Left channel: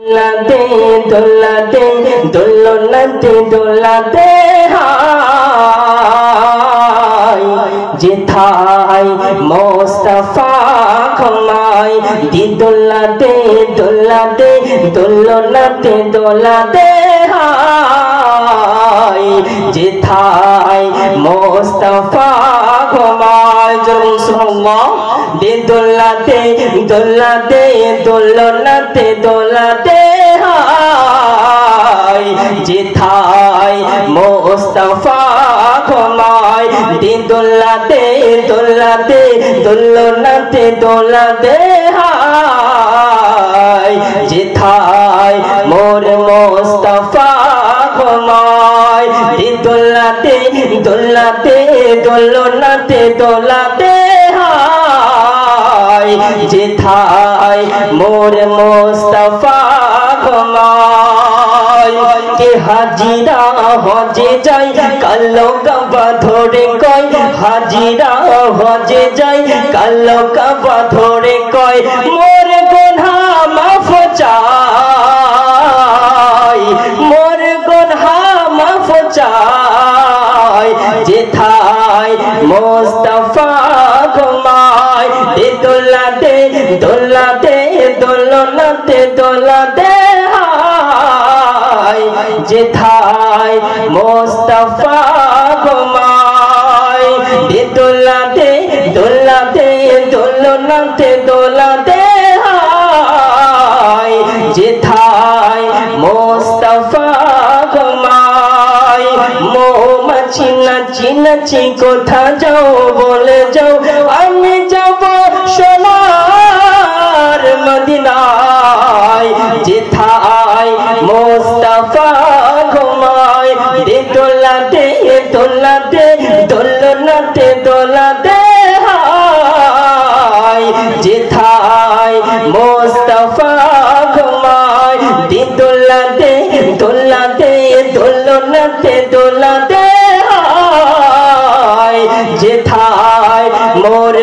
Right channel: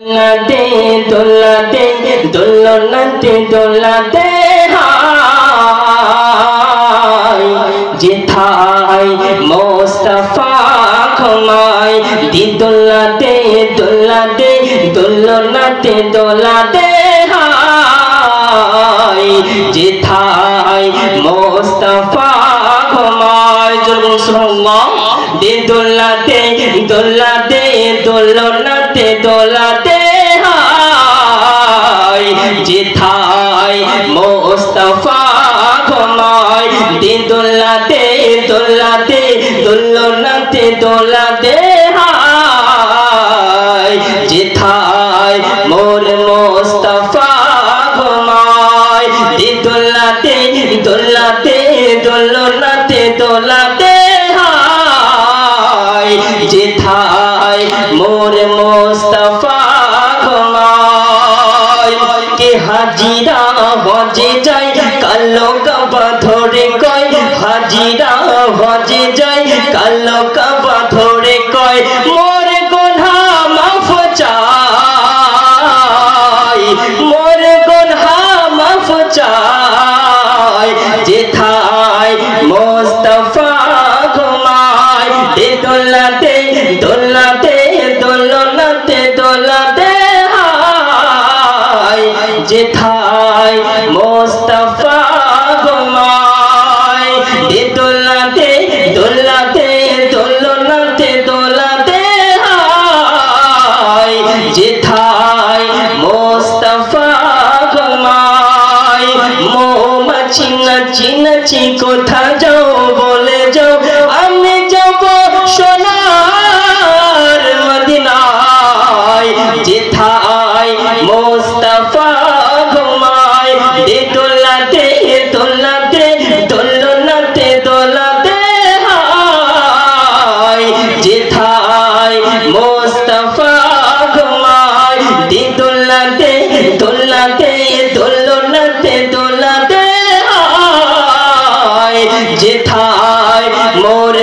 দোলাতে দোলাতে দোলনাতে দোলাতে হায় যেথায় মোস্তফা ঘুমায় দি দোলাতে দোলাতে দোলনাতে দোলাতে হায় যেথায় মোস্তফা ঘুমায় জোরে সুবহানাল্লাহ দি দোলাতে দোলাতে দোলনাতে দোলাতে হায় যেথায় মোস্তফা ঘুমায় দি দোলাতে দোলাতে দোলনাতে দোলাতে হায় যেথায় মোর মোস্তফা ঘুমায় দি দোলাতে দোলাতে দোলনাতে দোলাতে যেথায় মোর মোস্তফা ঘুমায় কে হাজিরা হজে যায় কালো কাবা ধরে কয় হাজিরা হজে যায় কালো কাবা ধরে কয় মোর গুনাহ মাফ চাই মোর গুনাহ মাফ চাই যেথায় মোস্তফা ঘুমায় দি দোলাতে দোলাতে দোলনাতে দোলাতে হায় যেথায় মোস্তফা ঘুমায় দি দোলাতে দোলাতে দোলনাতে দোলাতে হায় যেথায় মোস্তফা ঘুমায় মৌমাছি নাচি নাচি কোথা যাও বলে যাও আমি যাব সোনার মদিনায় যেথায় মোস্তফা ঘুমায় দি দোলাতে দোলাতে দোলনাতে দোলাতে হায় যেথায় মোস্তফা ঘুমায় দি দোলাতে দোলাতে দোলনাতে দোলাতে হায় যেথায় মোর